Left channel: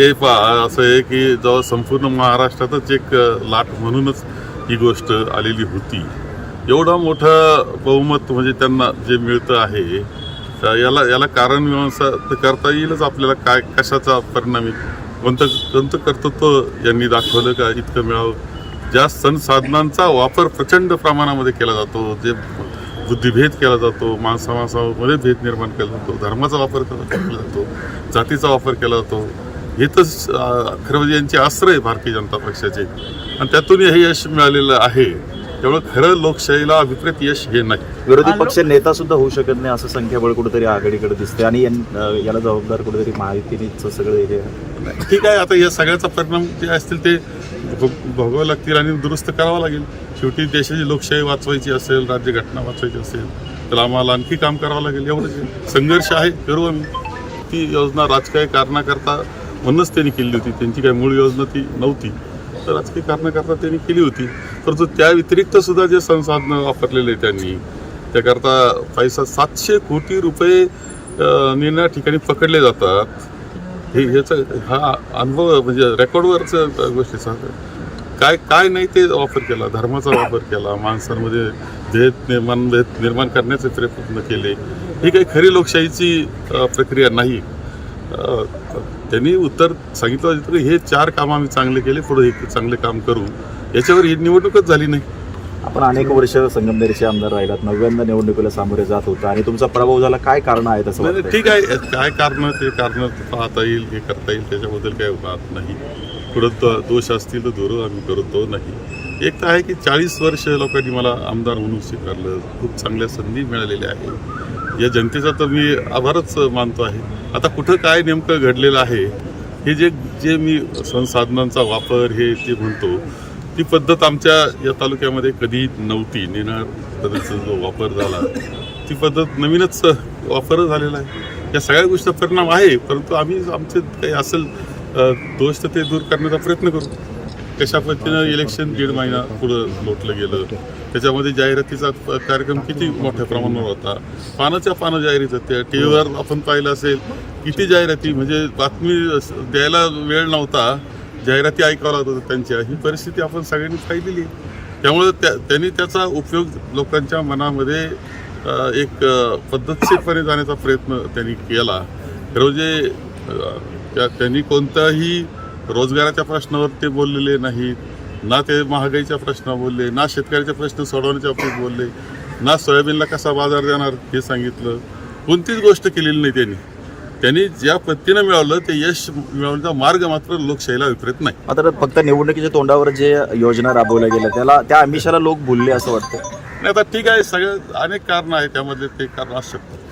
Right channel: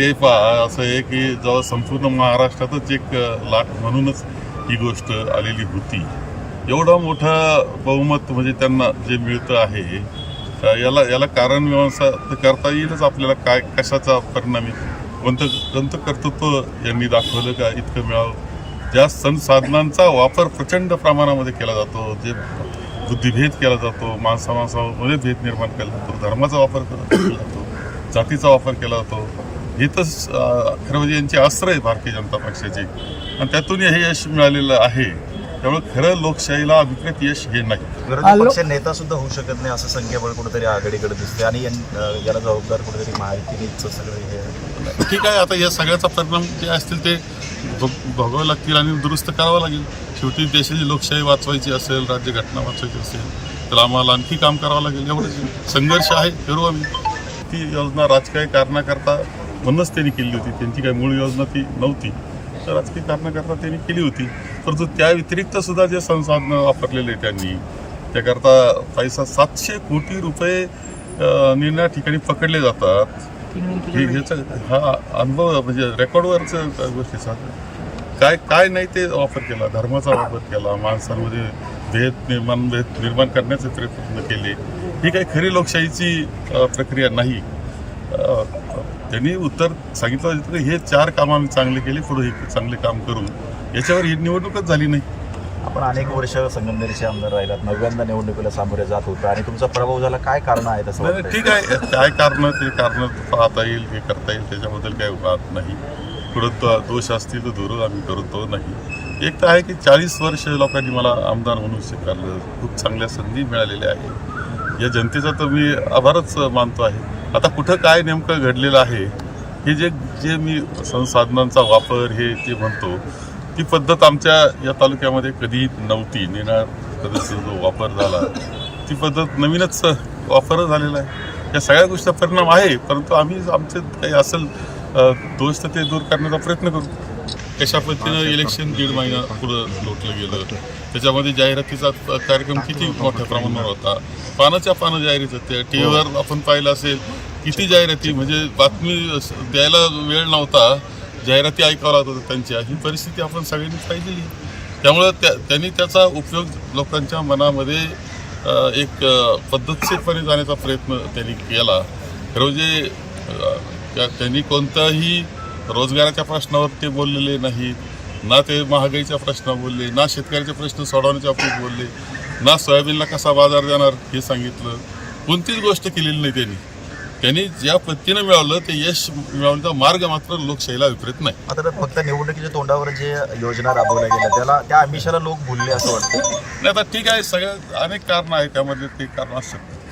हे पहा असं आहे की जेव्हा संपूर्ण महाराष्ट्रातच एक लाट म्हणूनच ही गोष्ट आलेली होती. एवढा मोठा बहुमत म्हणजे त्यांना जे मिळतं आहे याला याला कारण मीमांसा तर करता येईलच आपल्याला. काय कशाचा परिणामी कोणतं कोणतं कर्तृत्व यांनी दाखवलं का? इतकं मिळावं? ज्या संसाधनांचा वापर प्रचंड प्रमाणामध्ये केला जातो जे बुद्धिभेद केला जातो माणसा माणसामध्ये भेद निर्माण केला जातो धर्माचा वापर केला जातो जातीचा वापर केला जातो हे तर खरं म्हणजे यांचे अस्त्र आहे भारतीय जनता पक्षाचे. आणि त्यातून हे यश मिळालेलं आहे. त्यामुळे खरं लोकशाहीला विपरीत यश हे नाही. विरोधी पक्ष नेता सुद्धा होऊ शकत नाही असं संख्याबळ कुठेतरी आघाडीकडे दिसते आणि याला जबाबदार कुठेतरी महायुतीनेच सगळं हे आहे. ठीक आहे आता या सगळ्याचा परिणाम जे असतील ते भोग- भोगावे लागतील आणि दुरुस्त करावं लागेल. शेवटी देशाची लोकशाही वाचवायची असेल राज्यघटना वाचवायची असेल तर आम्हाला आणखी काम करावं लागेल. एवढंच आहे. संघर्ष आहे करू आम्ही. ती योजना राजकीय कारणाकरता म्हणूनच त्यांनी केली होती. त्यांची काही मूळ योजना ती नव्हती. तर राजकीय कारणाकरता त्यांनी केली होती. परंतु त्या व्यतिरिक्त सुद्धा जे संसाधनं वापरलेले त्यांनी त्याकरता पैसा सातशे कोटी रुपये निर्णया ठिकाणी पकडले जातात. हे ह्याचा हा अनुभव म्हणजे रेकॉर्डवरच गोष्टीचा काय काय नाही ते वापर केला. धर्माचा वापर केला. माणसांमध्ये भेद निर्माण भेद निर्माण करण्याचे प्रयत्न केले. ही काही खरी लोकशाहीची प्रक्रिया नाही. त्यांनी उत्तर सांगितलं होतं की हे चार काम आम्ही चांगले केले पुढे हे चांगले काम करू याच्यावर ही निवडणूकच झाली नाही. आपण अनेक वर्ष संगमनेरचे आमदार राहिलात नव्यांदा निवडणुकीला सामोरे जात होता आणि तुमचा पराभव झाला. काय कारण आहे तसं नाही? ठीक आहे. काय कारण ते कारण पाहता येईल हे करता येईल त्याच्याबद्दल काही वाद नाही. पुढं दोष असतील तर दूर आम्ही करतो नाही. एक तर आहे की चाळीस वर्ष लोकांनी मला आमदार म्हणून स्वीकारलं. खूप चांगल्या संधी मिळालेल्या आहे या जनतेचा तर मी आभारच मानतो आहे. आता कुठं काय नेमकं घडलेलं आहे हे जे जे मी संसाधनांचा वापर हे जे म्हणतो ती पद्धत आमच्या या तालुक्यामध्ये कधी नव्हती. नेणार पद्धतीचा जो वापर झाला ती पद्धत नवीनच वापर झालेला आहे. या सगळ्या गोष्टीचा परिणाम आहे परंतु आम्ही आमचे काही असेल दोष तर ते दूर करण्याचा प्रयत्न करू. कशा पद्धतीनं इलेक्शन दीड महिना पुढं लोटलं गेलं. त्याच्यामध्ये जाहिरातीचा कार्यक्रम किती मोठ्या प्रमाणावर होता? पानाच्या पानं जाहिरात होत्या टी व्हीवर आपण पाहिलं असेल किती जाहिराती म्हणजे बातमी द्यायला वेळ नव्हता. जाहिराती ऐकावं लागत होत्या त्यांच्या. ही परिस्थिती आपण सगळ्यांनी पाहिलेली. त्यामुळं त्या त्यांनी त्याचा उपयोग लोकांच्या मनामध्ये एक पद्धतशीरपणे जाण्याचा प्रयत्न त्यांनी केला. खरं म्हणजे त्यांनी कोणताही रोजगाराच्या प्रश्नावर ते बोललेले नाहीत ना ते महागाईच्या प्रश्न बोलले ना शेतकऱ्याचे प्रश्न सोडवण्याच्या बाबतीत बोलले ना सोयाबीनला कसा बाजार देणार हे सांगितलं. कोणतीच गोष्ट केलेली नाही त्यांनी. त्यांनी ज्या पद्धतीनं मिळवलं ते यश मिळवण्याचा मार्ग मात्र लोकशाहीला विपरीत नाही. मात्र फक्त निवडणुकीच्या तोंडावर जे योजना राबवल्या गेल्या त्याला त्या आमिषाला लोक भुलले असं वाटतं नाही आता ठीक आहे सगळे अनेक कारणं आहेत त्यामध्ये ते कारण असू शकतात.